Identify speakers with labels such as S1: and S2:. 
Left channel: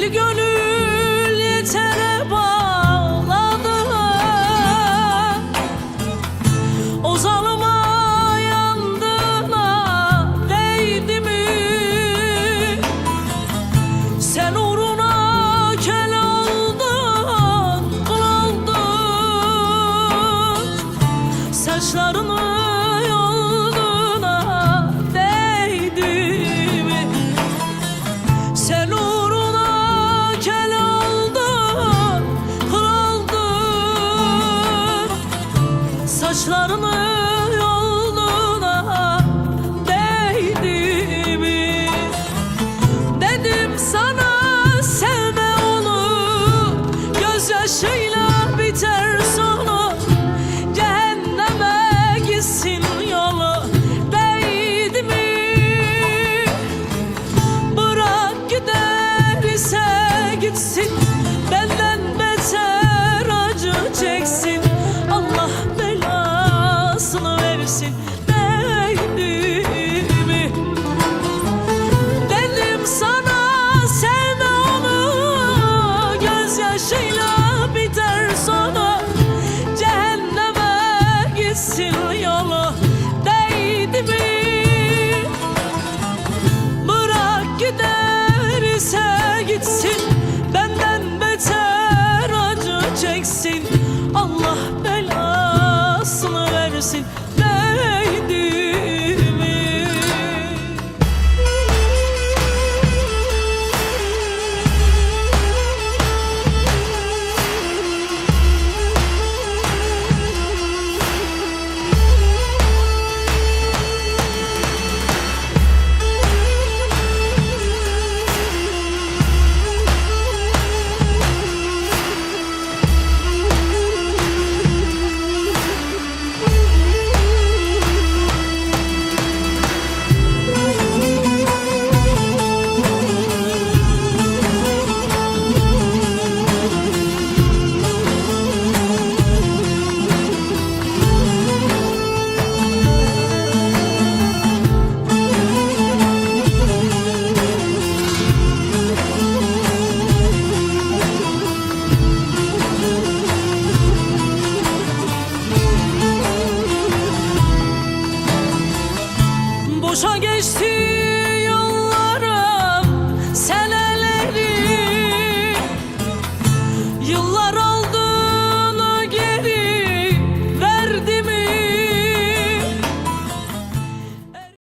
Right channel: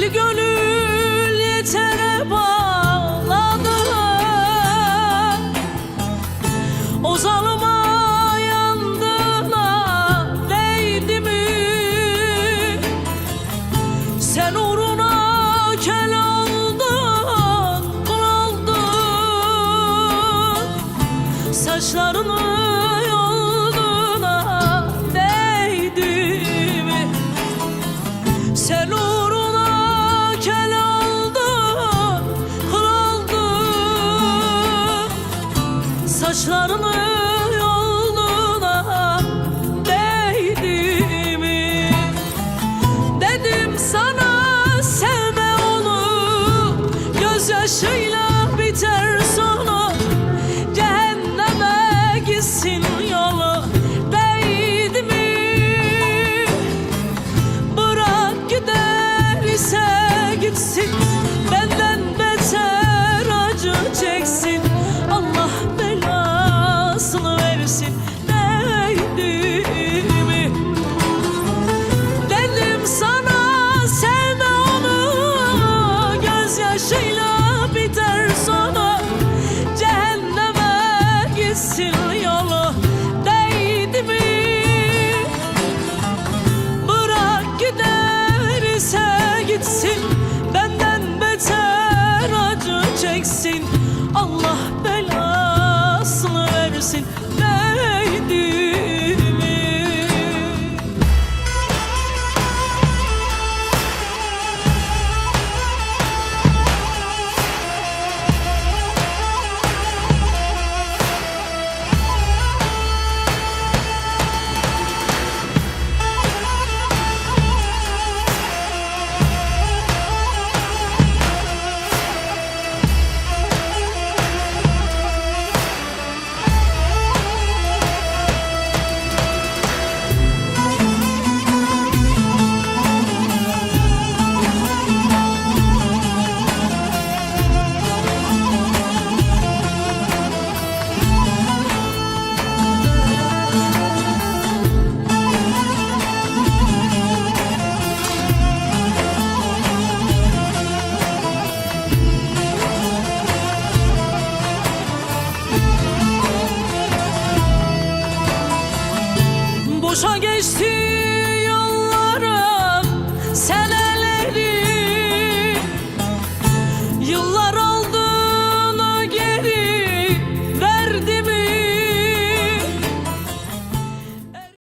S1: Deli gönül yetere bağladı O zalıma yandığına değdi mi? Sen uğruna kel oldun, kul oldun Saçlarını Saçlarını gitsin Benden beter acı çeksin. Allah belasını versin. Değdi Boşa geçti yollarım. Sene